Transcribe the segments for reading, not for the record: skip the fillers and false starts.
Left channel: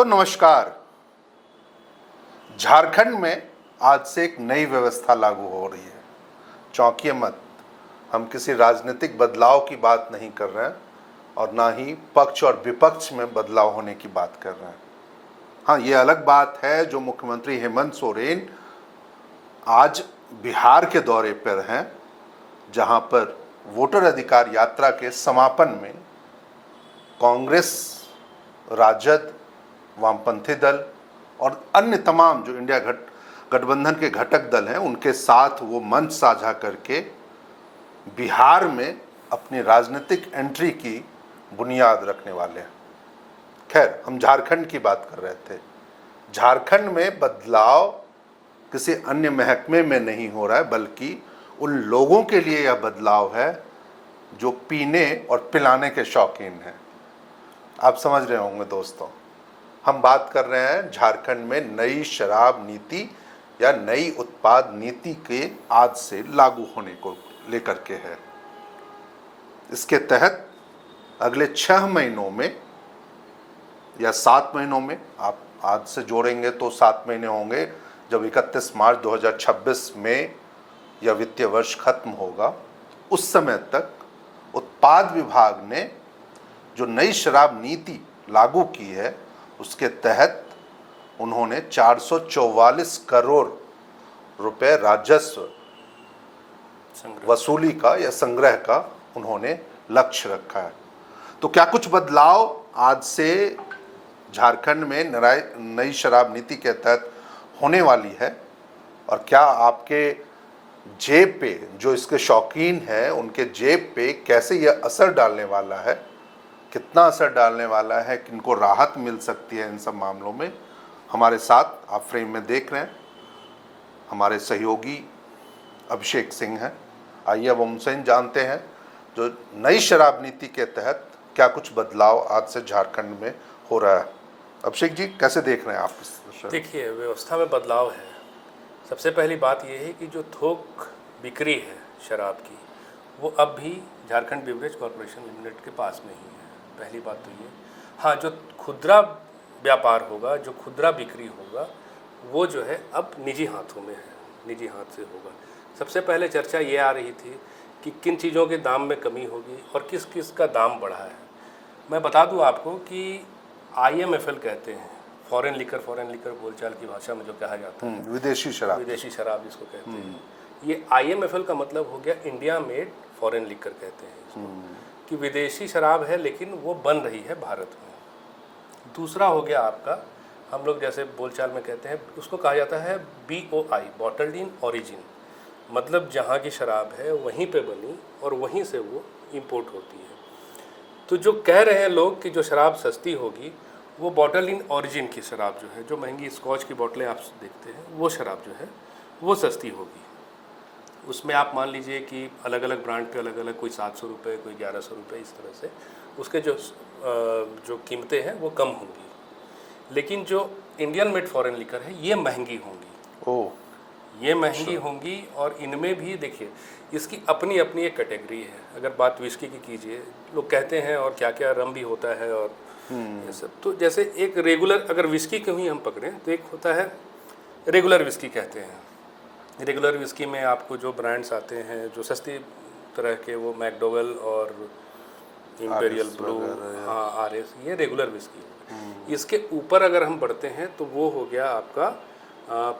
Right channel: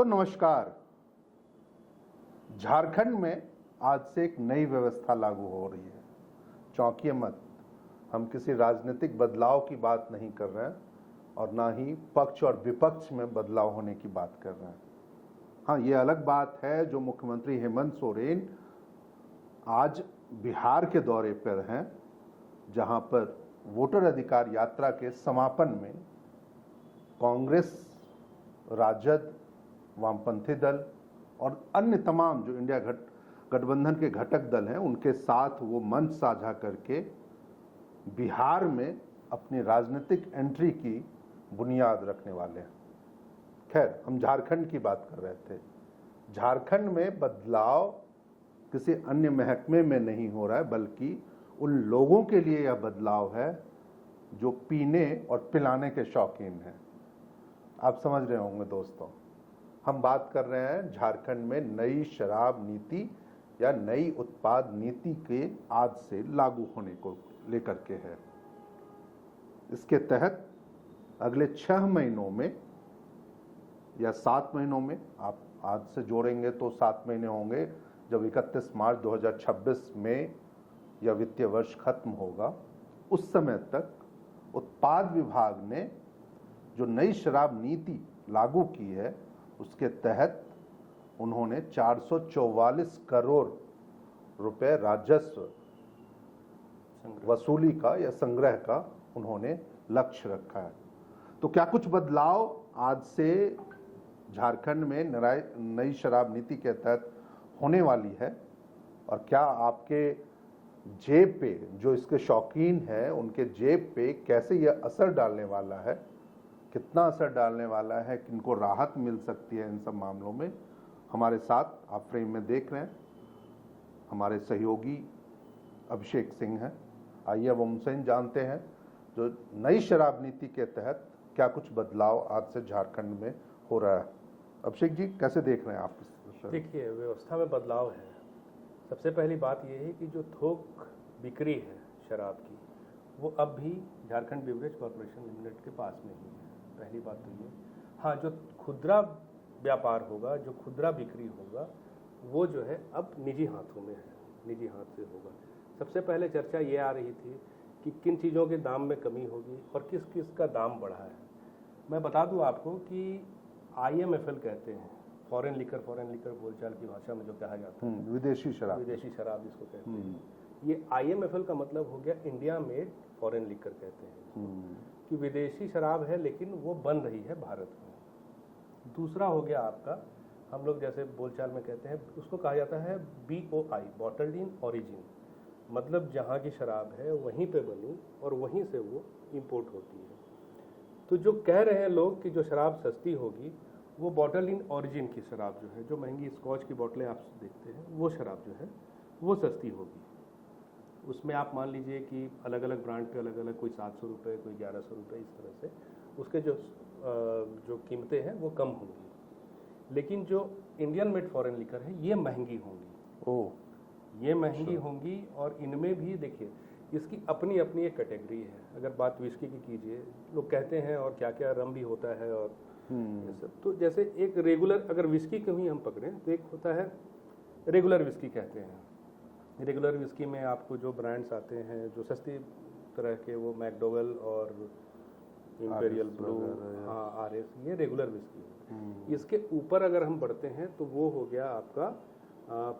दोस्तों नमस्कार। झारखंड में आज से एक नई व्यवस्था लागू हो रही है। चौंकिए मत, हम किसी राजनीतिक बदलाव की बात नहीं कर रहे हैं और ना ही पक्ष और विपक्ष में बदलाव होने की बात कर रहे हैं। हाँ, ये अलग बात है जो मुख्यमंत्री हेमंत सोरेन आज बिहार के दौरे पर हैं, जहां पर वोटर अधिकार यात्रा के समापन में कांग्रेस, राजद, वामपंथी दल और अन्य तमाम जो इंडिया गठबंधन के घटक दल हैं उनके साथ वो मंच साझा करके बिहार में अपनी राजनीतिक एंट्री की बुनियाद रखने वाले हैं। खैर, हम झारखंड की बात कर रहे थे। झारखंड में बदलाव किसी अन्य महकमे में नहीं हो रहा है, बल्कि उन लोगों के लिए यह बदलाव है जो पीने और पिलाने के शौकीन हैं। आप समझ रहे होंगे दोस्तों, हम बात कर रहे हैं झारखंड में नई शराब नीति या नई उत्पाद नीति के आज से लागू होने को लेकर के है। इसके तहत अगले 6 महीनों में या 7 महीनों में, आप आज से जोड़ेंगे तो 7 महीने होंगे, जब 31 मार्च 2026 में यह वित्तीय वर्ष खत्म होगा, उस समय तक उत्पाद विभाग ने जो नई शराब नीति लागू की है उसके तहत उन्होंने 444 करोड़ रुपए राजस्व वसूली का या संग्रह का उन्होंने लक्ष्य रखा है। तो क्या कुछ बदलाव आज से झारखंड में नई शराब नीति के तहत होने वाली है, और क्या आपके जेब पे, जो इसके शौकीन हैं उनके जेब पे कैसे यह असर डालने वाला है, कितना असर डालने वाला है, किनको राहत मिल सकती है इन सब मामलों में। हमारे साथ आप फ्रेम में देख रहे हैं हमारे सहयोगी अभिषेक सिंह हैं। आइए अब उनसे जानते हैं जो नई शराब नीति के तहत क्या कुछ बदलाव आज से झारखंड में हो रहा है। अभिषेक जी, कैसे देख रहे हैं आप इस? देखिए, व्यवस्था में बदलाव है। सबसे पहली बात यह है कि जो थोक बिक्री है शराब की, वो अब भी झारखंड बिवरेज कॉरपोरेशन लिमिटेड के पास में ही है। पहली बात तो ये। हाँ, जो खुदरा व्यापार होगा, जो खुदरा बिक्री होगा, वो जो है अब निजी हाथों में है, निजी हाथ से होगा। सबसे पहले चर्चा ये आ रही थी कि किन चीज़ों के दाम में कमी होगी और किस किस का दाम बढ़ा है। मैं बता दूं आपको कि IMFL कहते हैं, फॉरेन लिकर बोलचाल की भाषा में जो कहा जाता है, विदेशी शराब जिसको कहते हैं। ये IMFL का मतलब हो गया इंडिया मेड फॉरेन लिकर कहते हैं इसको, कि विदेशी शराब है लेकिन वो बन रही है भारत में। दूसरा हो गया आपका, हम लोग जैसे बोलचाल में कहते हैं, उसको कहा जाता है BOI, बॉटल्ड इन ओरिजिन, मतलब जहाँ की शराब है वहीं पे बनी और वहीं से वो इंपोर्ट होती है। तो जो कह रहे हैं लोग कि जो शराब सस्ती होगी, वो बॉटल इन ओरिजिन की शराब जो है, जो महंगी स्कॉच की बोतलें आप देखते हैं, वो शराब जो है वो सस्ती होगी। उसमें आप मान लीजिए कि अलग अलग ब्रांड पे अलग अलग, कोई 700 रुपये, कोई 1100 रुपये, इस तरह से उसके जो कीमतें हैं वो कम होंगी। लेकिन जो इंडियन मेड फॉरेन लिकर है, ये महंगी होंगी। ये महंगी होंगी। और इनमें भी देखिए, इसकी अपनी अपनी एक कैटेगरी है। अगर बात विस्की की कीजिए, लोग कहते हैं और क्या क्या रम भी होता है और ये सब। तो जैसे एक रेगुलर, अगर विस्की को ही हम पकड़ें तो एक होता है रेगुलर विस्की कहते हैं। रेगुलर विस्की में आपको जो ब्रांड्स आते हैं जो सस्ती तरह के, वो मैकडोवेल और इंपेरियल ब्लू, हाँ RS, ये रेगुलर विस्की है। इसके ऊपर अगर हम बढ़ते हैं तो वो हो गया आपका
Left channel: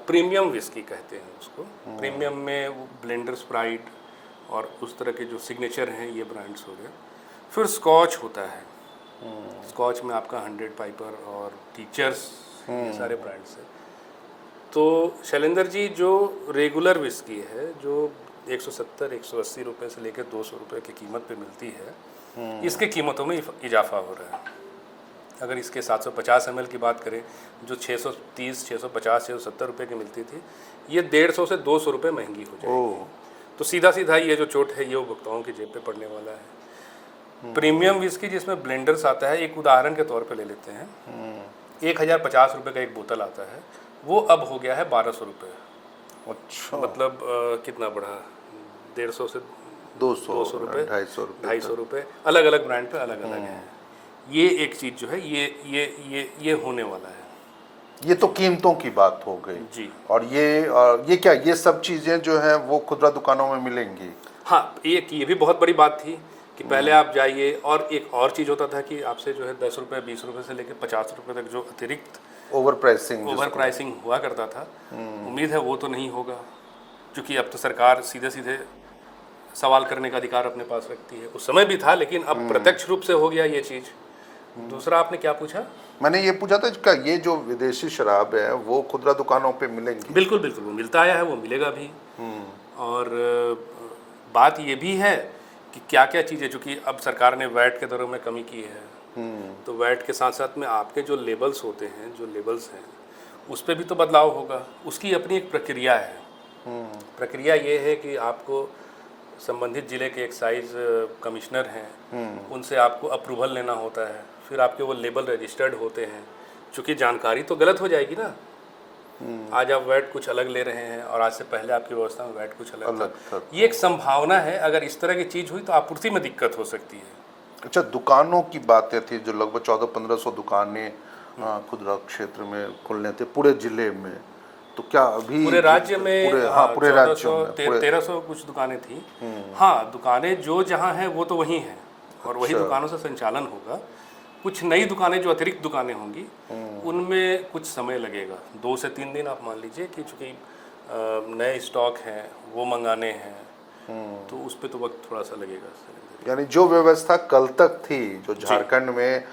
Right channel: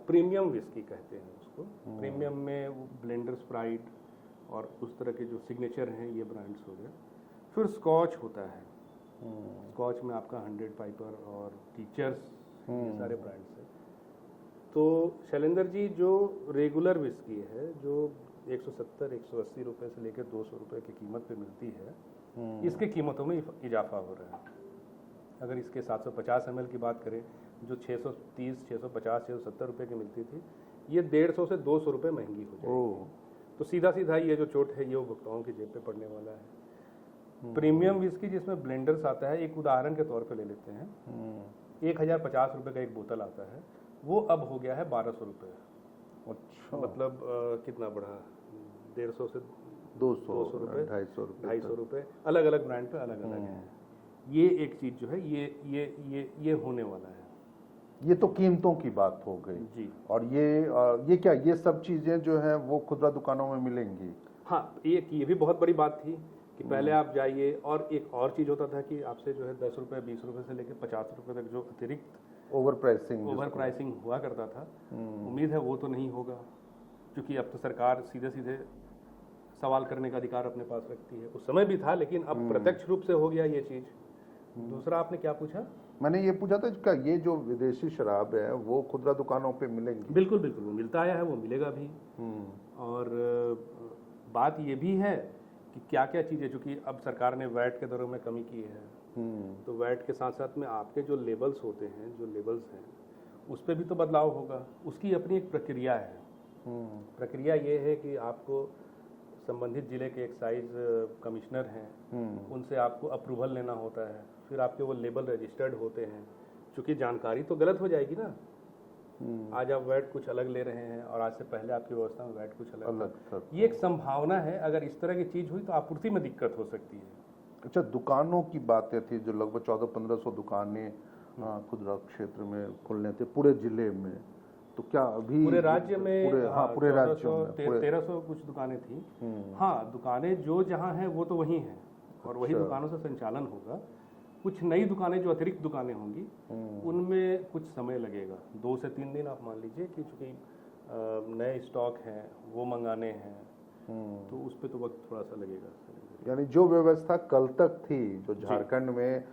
प्रीमियम विस्की कहते हैं उसको। प्रीमियम में वो ब्लेंडर, स्प्राइट और उस तरह के जो सिग्नेचर हैं, ये ब्रांड्स हो गए। फिर स्कॉच होता है। स्कॉच में आपका 100 पाइपर और टीचर्स, ये सारे ब्रांड्स हैं। तो शैलेंद्र जी, जो रेगुलर विस्की है जो 170-180 रुपये से लेकर 200 रुपये की कीमत पे मिलती है, इसके कीमतों में इजाफा हो रहा है। अगर इसके 750 ml की बात करें, जो 630, 650, 670 रुपये की मिलती थी, ये 150 से 200 रुपये महंगी हो जाएगी। तो सीधा सीधा ये जो चोट है ये उपभोक्ताओं की जेब पे पड़ने वाला है। प्रीमियम विस्की जिसमें ब्लेंडर्स आता है, एक उदाहरण के तौर पे ले लेते हैं, 1050 रुपये का एक बोतल आता है, वो अब हो गया है 1200 रुपये। अच्छा, मतलब कितना बढ़ा, 150 से 200 रुपये, 250 रुपये, अलग अलग ब्रांड पे अलग अलग है। ये एक चीज़ जो है ये होने वाला है। ये तो कीमतों की बात हो गई जी और ये क्या, ये सब चीज़ें जो हैं वो खुदरा दुकानों में मिलेंगी? हाँ, ये भी बहुत बड़ी बात थी कि पहले आप जाइए, और एक और चीज़ होता था कि आपसे जो है 10 रुपये 20 रुपये से लेकर 50 रुपये तक जो अतिरिक्त ओवर प्राइसिंग ओवर प्राइसिंग हुआ करता था, उम्मीद है वो तो नहीं होगा, क्योंकि अब तो सरकार सीधे सीधे सवाल करने का अधिकार अपने पास रखती है। उस समय भी था, लेकिन अब प्रत्यक्ष रूप से हो गया ये चीज़। दूसरा आपने क्या पूछा? मैंने ये पूछा था कि ये जो विदेशी शराब है वो खुदरा दुकानों पे मिलेंगी? बिल्कुल बिल्कुल, वो मिलता आया है, वो मिलेगा भी। और बात ये भी है कि क्या क्या चीज़ें, चूँकि अब सरकार ने वैट के दरों में कमी की है, तो वैट के साथ साथ में आपके जो लेबल्स होते हैं, जो लेबल्स हैं, उस पर भी तो बदलाव होगा। उसकी अपनी एक प्रक्रिया है। प्रक्रिया ये है कि आपको संबंधित जिले के एक्साइज कमिश्नर हैं, उनसे आपको अप्रूवल लेना होता है, फिर आपके वो लेबल रजिस्टर्ड होते हैं। चूँकि जानकारी तो गलत हो जाएगी ना, आज आप वैट कुछ अलग ले रहे हैं और आज से पहले आपकी व्यवस्था में वैट कुछ अलग था। ये एक संभावना है, अगर इस तरह की चीज़ हुई तो आपूर्ति में दिक्कत हो सकती है। अच्छा, दुकानों की बातें थी जो लगभग 1400-1500 दुकानें खुदरा क्षेत्र में खुलने थे पूरे जिले में, तो क्या अभी पूरे राज्य में पूरे राज्य में 1300 कुछ दुकानें थी। हाँ, दुकानें जो जहाँ हैं वो तो वहीं हैं, और वही दुकानों से संचालन होगा। कुछ नई दुकानें जो अतिरिक्त दुकानें होंगी, उनमें कुछ समय लगेगा, 2 से 3 दिन आप मान लीजिए, कि चूँकि नए स्टॉक हैं वो मंगाने हैं, तो उस पर तो वक्त थोड़ा सा लगेगा। यानी जो व्यवस्था कल तक थी, जो झारखंड में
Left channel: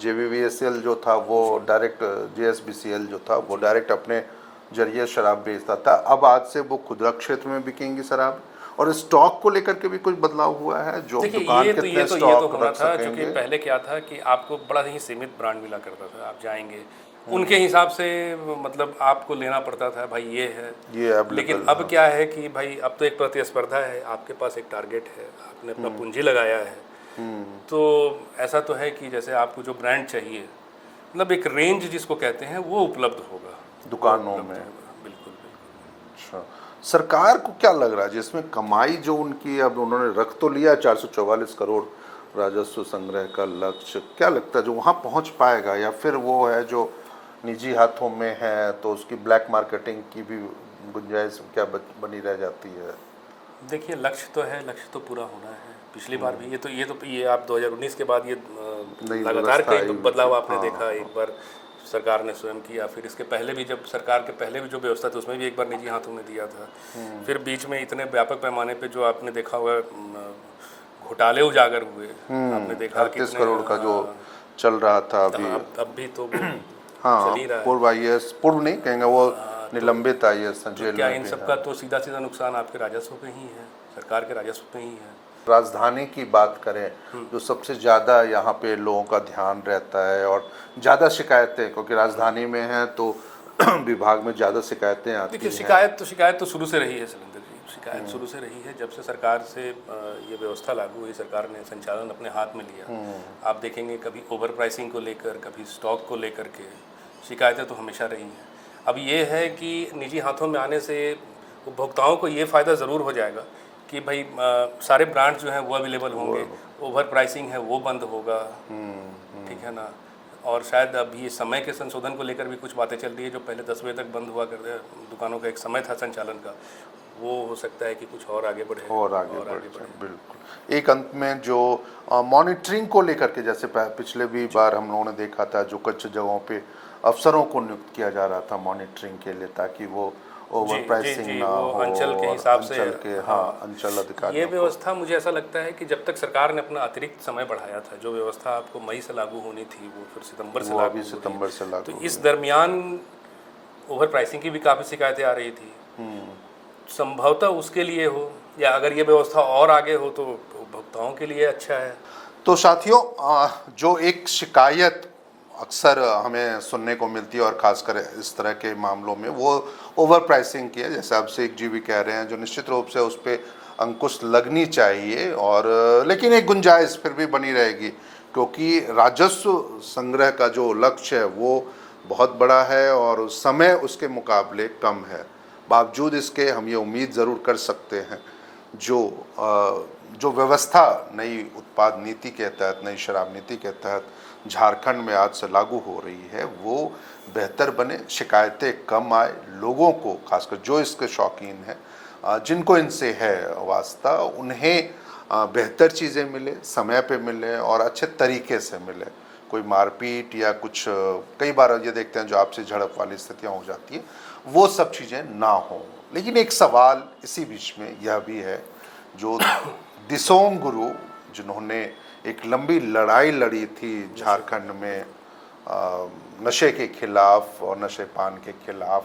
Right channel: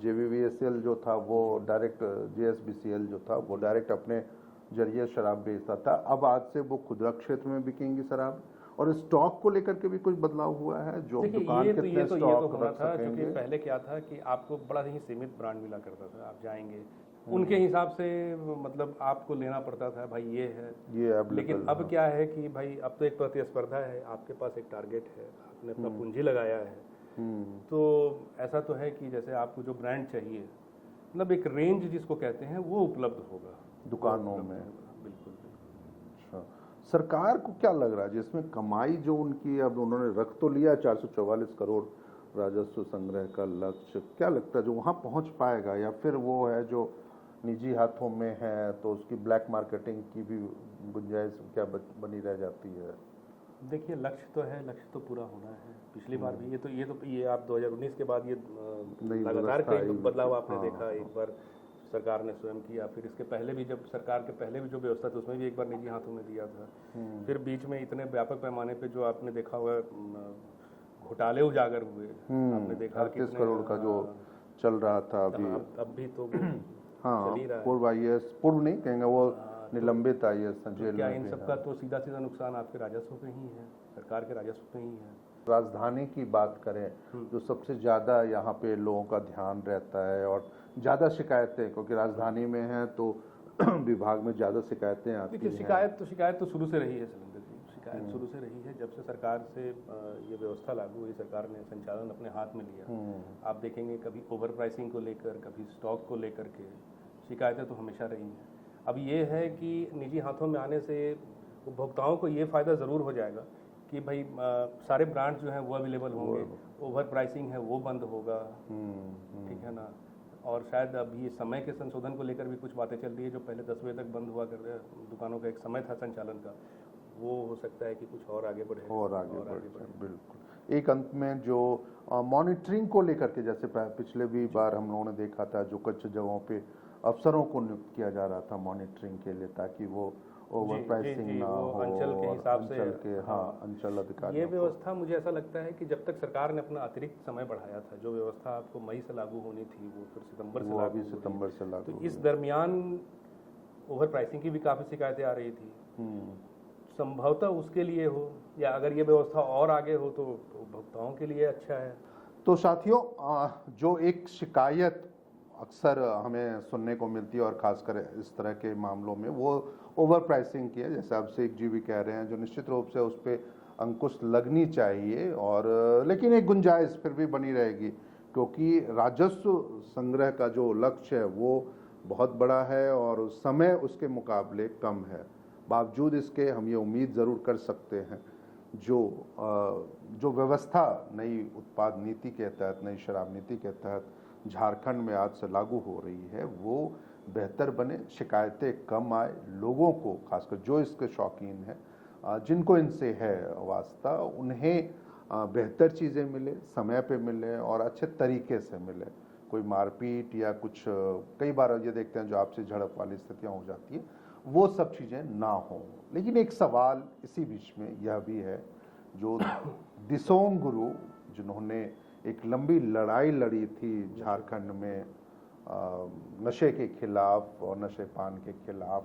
JVVSL जो था वो डायरेक्ट, JSBCL जो था वो डायरेक्ट अपने जरिए शराब बेचता था, अब आज से वो खुदरा क्षेत्र में बिकेंगी शराब। और स्टॉक को लेकर के भी कुछ बदलाव हुआ है, जो दुकान कितने स्टॉक होना रख था, सकेंगे? क्योंकि पहले क्या था कि आपको बड़ा ही सीमित ब्रांड मिला करता था, आप जाएंगे उनके हिसाब से, मतलब आपको लेना पड़ता था, भाई ये है ये लेकिन अब क्या है कि भाई अब तो एक प्रतिस्पर्धा है, आपके पास एक टारगेट है, आपने अपना पूंजी लगाया है, तो ऐसा तो है कि जैसे आपको जो ब्रांड चाहिए, मतलब एक रेंज जिसको कहते हैं, वो उपलब्ध होगा दुकानों में। बिल्कुल। अच्छा, सरकार को क्या लग रहा है जिसमें कमाई जो उनकी, अब उन्होंने रख तो लिया 444 करोड़ राजस्व संग्रह का लक्ष्य, क्या लगता है जो वहाँ पहुँच पाएगा, या फिर वो है जो निजी हाथों में है तो उसकी ब्लैक मार्केटिंग की भी गुंजाइश क्या बनी रह जाती है? देखिए, लक्ष्य तो है, लक्ष्य तो पूरा होना है। पिछली बार भी ये आप 2019 के बाद ये लगातार कई बदलाव आपने देखा। एक बार सरकार ने स्वयं किया, फिर इसके पहले भी, जब सरकार के पहले भी जो व्यवस्था थी उसमें भी एक बार निजी हाथों में दिया था। फिर बीच में इतने व्यापक पैमाने पे जो आपने देखा हुआ घोटाले उजागर हुए, आपने देखा 38 करोड़ का जो चल रहा था अभी, अब भी तो हाँ, चल ही रहा है। पूर्व IAS, पूर्व नहीं कहेंगे, वो निलंबित IAS जेल क्या में इन भी सब का तो सीधा सीधा नुकसान आपके राजस्व पे ही है, सरकार के राजस्व पे ही है। राजधानी की बात करें, जो सबसे ज़्यादा यहाँ पे लोगों का ध्यान रहता है और ज़्यादा शिकायतें, क्योंकि राजधानी में है तो विभाग में ज़्यादा शिकायतें आती हैं। देखिए, शिकायत तो शुरू से रही है शैलेंद्र जी, शिकायत शुरू से रही है। जब से सरकार से ये व्यवस्था लागू हुई, सरकार ने संचालन अपने हाथ में लिया, आप देखेंगे कभी ओवर प्राइसिंग को लेकर, कभी स्टॉक को लेकर के शिकायतें तो हमेशा रही हैं। अब ये है कि निजी हाथों में आने से उपभोक्ताओं को ये फ़ायदा ज़रूर हो जाएगा कि भाई सारे ब्रांड्स जो हैं वो अवेलेबल होंगे, ओवर प्राइसिंग है वो बंद होगा, ठीक है ना। और शायद अभी समय के संशोधन को लेकर भी कुछ बातें चल रही है, जो पहले 10 बजे तक बंद हुआ करते दुकानों का एक समय था संचालन का, वो हो सकता है कि कुछ और आगे बढ़े और आगे बढ़े। बिल्कुल। एक अंत में जो मॉनिटरिंग को लेकर के, जैसे पिछले भी बार हम लोगों ने देखा था, जो कुछ जगहों पे अफसरों को नियुक्त किया जा रहा था मॉनिटरिंग के लिए, ताकि वो ओवर प्राइसिंग ना हो, अंचल के हिसाब से, अंचल अधिकारी। ये व्यवस्था मुझे ऐसा लगता है कि जब तक सरकार ने अपना अतिरिक्त समय बढ़ाया था, जो व्यवस्था आपको मई से लागू होनी थी वो फिर सितंबर से लागू, तो इस दरमियान ओवर प्राइसिंग की भी काफ़ी शिकायतें आ रही थी। संभवतः उसके लिए हो, या अगर ये व्यवस्था और आगे हो तो उपभोक्ताओं के लिए अच्छा है। तो साथियों, जो एक शिकायत अक्सर हमें सुनने को मिलती है, और खासकर इस तरह के मामलों में, वो ओवर प्राइसिंग की है, जैसे आप शेख जी भी कह रहे हैं, जो निश्चित रूप से उस पर अंकुश लगनी चाहिए, और लेकिन एक गुंजाइश फिर भी बनी रहेगी, क्योंकि राजस्व संग्रह का जो लक्ष्य है वो बहुत बड़ा है और समय उसके मुकाबले कम है। बावजूद इसके हम ये उम्मीद ज़रूर कर सकते हैं, जो व्यवस्था नई उत्पाद नीति के तहत, नई शराब नीति के तहत झारखंड में आज से लागू हो रही है वो बेहतर बने, शिकायतें कम आए, लोगों को खासकर जो इसके शौकीन हैं, जिनको इनसे है वास्ता, उन्हें बेहतर चीज़ें मिले, समय पे मिले और अच्छे तरीके से मिले। कोई मारपीट या कुछ, कई बार ये देखते हैं जो आपसी झड़प वाली स्थितियाँ हो जाती हैं, वो सब चीज़ें ना हों। लेकिन एक सवाल इसी बीच में यह भी है, जो दिसोम गुरु जिन्होंने एक लंबी लड़ाई लड़ी थी झारखंड में नशे के खिलाफ और नशे पान के खिलाफ,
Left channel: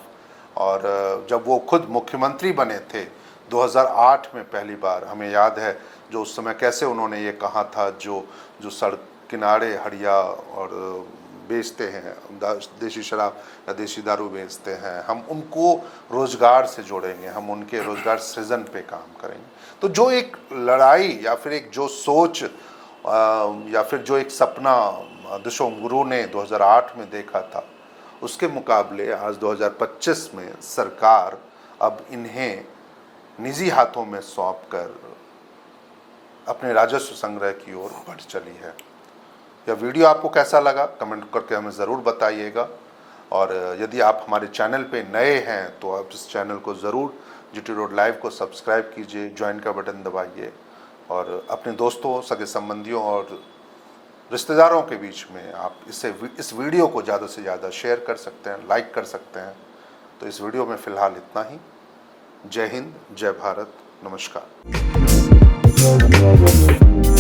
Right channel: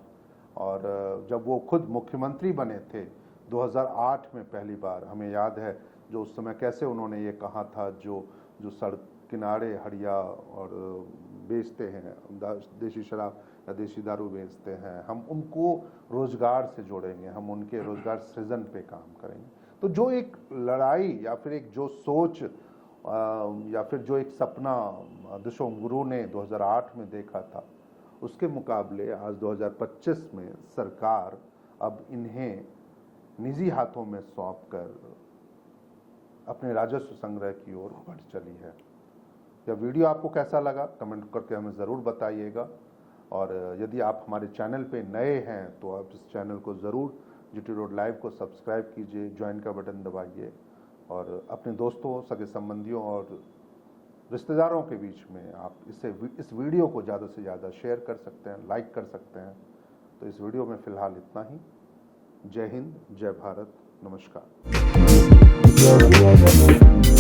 और जब वो खुद मुख्यमंत्री बने थे 2008 में पहली बार, हमें याद है जो उस समय कैसे उन्होंने ये कहा था, जो सड़क किनारे हड़िया और बेचते हैं, देसी शराब या देसी दारू बेचते हैं, हम उनको रोज़गार से जोड़ेंगे, हम उनके रोज़गार सृजन पे काम करेंगे। तो जो एक लड़ाई या फिर एक जो सोच या फिर जो एक सपना दिसोम गुरु ने 2008 में देखा था, उसके मुकाबले आज 2025 में सरकार अब इन्हें निजी हाथों में सौंप कर अपने राजस्व संग्रह की ओर बढ़ चली है। यह वीडियो आपको कैसा लगा कमेंट करके हमें ज़रूर बताइएगा, और यदि आप हमारे चैनल पे नए हैं तो आप इस चैनल को ज़रूर जीटी रोड लाइव को सब्सक्राइब कीजिए, ज्वाइन का बटन दबाइए और अपने दोस्तों, सगे संबंधियों और रिश्तेदारों के बीच में आप इस वीडियो को ज़्यादा से ज़्यादा शेयर कर सकते हैं, लाइक कर सकते हैं। तो इस वीडियो में फ़िलहाल इतना ही। जय हिंद, जय भारत, नमस्कार।